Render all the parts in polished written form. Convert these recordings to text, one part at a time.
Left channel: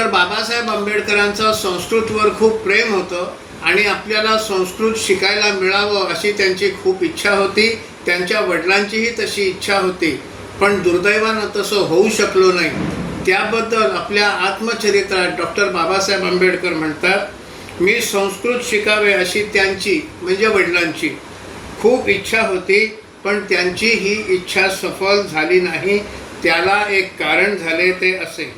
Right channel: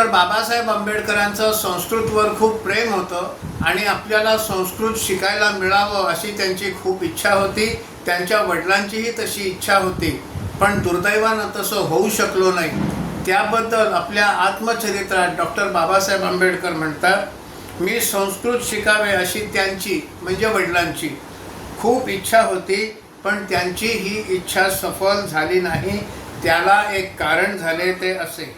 Doctor Babasaheb आंबेडकरांचं संस्कृतवर खूप प्रेम होतं आणि आपल्याला संस्कृत शिकायला मिळावं अशी त्यांची खूप इच्छा होती. त्यांच्या वडिलांचीही तशी इच्छा होती, पण दुर्दैवानं तसं होऊ शकलो नाही. त्याबद्दल आपल्या आत्मचरित्रात डॉक्टर बाबासाहेब आंबेडकर म्हणतात, मी संस्कृत शिकावे अशी त्यांची म्हणजे वडिलांची खूप इच्छा होती, पण त्यांची ही इच्छा सफल झाली नाही. त्याला एक कारण झाले ते असे.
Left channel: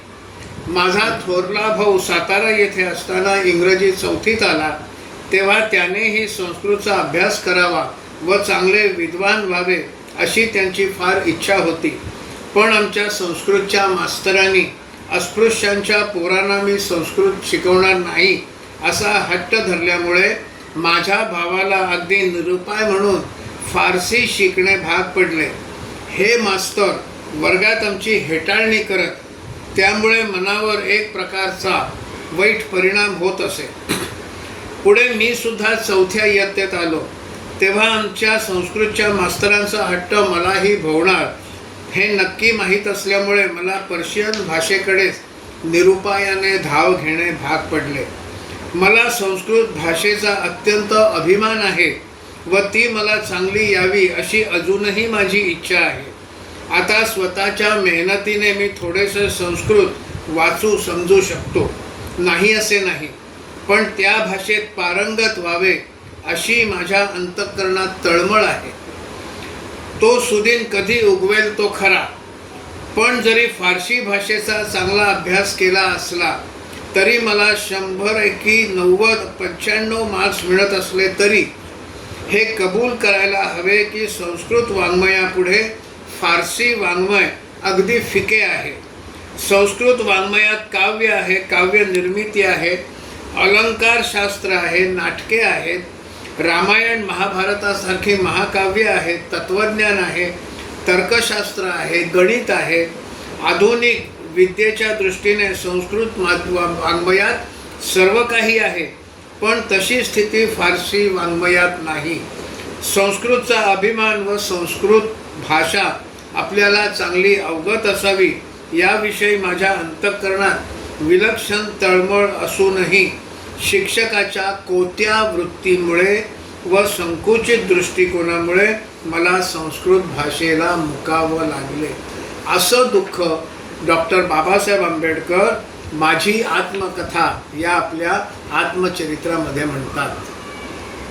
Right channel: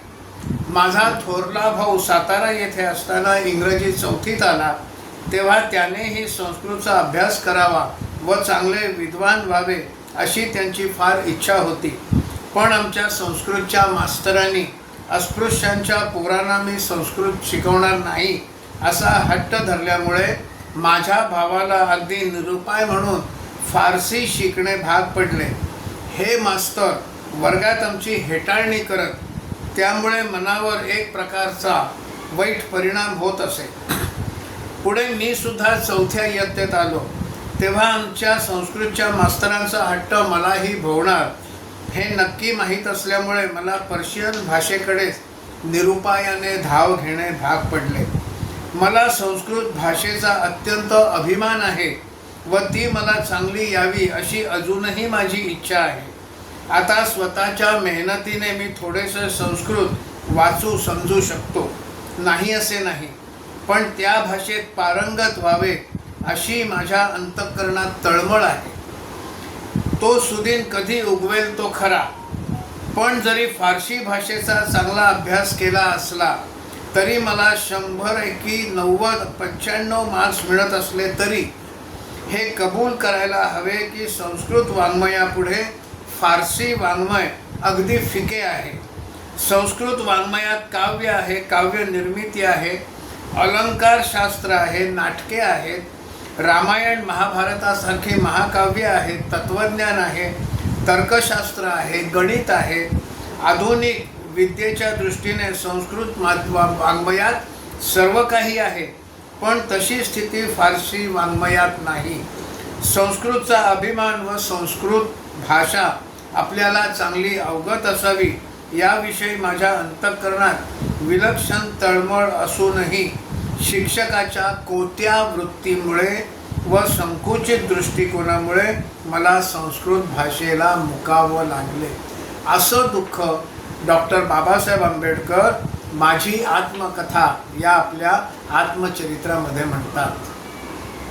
माझा थोरला भाऊ सातारा येथे असताना इंग्रजी 4थीत आला, तेव्हा त्यानेही संस्कृतचा अभ्यास करावा व चांगले विद्वान व्हावे अशी त्यांची फार इच्छा होती. पण आमच्या संस्कृतच्या मास्तरांनी अस्पृश्यांच्या पोरांना मी संस्कृत शिकवणार नाही असा हट्ट धरल्यामुळे माझ्या भावाला अगदी निरुपाय म्हणून फारसी शिकणे भाग पडले. हे मास्तर वर्गात आमची हेटाळणी करत, त्यामुळे मनावर एक प्रकारचा वाईट परिणाम होत असे. पुढे मी सुद्धा 4थ्या इयत्तेत आलो, तेव्हा आमच्या संस्कृतच्या मास्तरांचा हट्ट मलाही भोवणार हे नक्की माहीत असल्यामुळे मला पर्शियन भाषेकडेच निरुपायाने धाव घेणे भाग पडले. मला संस्कृत भाषेचा अत्यंत अभिमान आहे व ती मला चांगली यावी अशी अजूनही माझी इच्छा आहे. आता स्वतःच्या मेहनतीने मी थोडेसे संस्कृत वाचू समजू शकतो, नाही असे नाही, पण त्या भाषेत पारंगत व्हावे अशी माझ्या अंतःकरणात तळमळ आहे. तो सुदिन कधी उगवेल तो खरा, पण जरी फारसी भाषेचा चांगला अभ्यास केला असला तरी मला 100 पैकी 90-95 मार्क्स मिळत असले तरी हे कबूल करायला हवे की संस्कृत वाङ्मयापुढे फारसी वाङ्मय अगदी फिके आहे. संस्कृत वाङ्मयात काव्य आहे, काव्य निर्मिती आहे, अलंकारशास्त्र आहे, नाटके आहेत, रामायण महाभारतासारखी महाकाव्य आहेत, तत्त्वज्ञान आहे, तर्कशास्त्र आहे, गणित आहे. आधुनिक विद्येच्या दृष्टीने संस्कृत वाङ्मयात सर्व काही आहे, पण तशी स्थिती फारसी वाङ्मयात नाही. संस्कृतचा अभिमान व संस्कृत भाषा आपल्याला चांगली अवगत असावी याविषयी माझ्या अंतःकरणात विलक्षण तळमळ असूनही शिक्षकाच्या कोत्या वृत्तीमुळे व संकुचित दृष्टिकोनामुळे मला संस्कृत भाषेला मुकावं लागले. असं दुःख डॉक्टर बाबासाहेब आंबेडकर माझी आत्मकथा या आपल्या आत्मचरित्रामध्ये म्हणतात.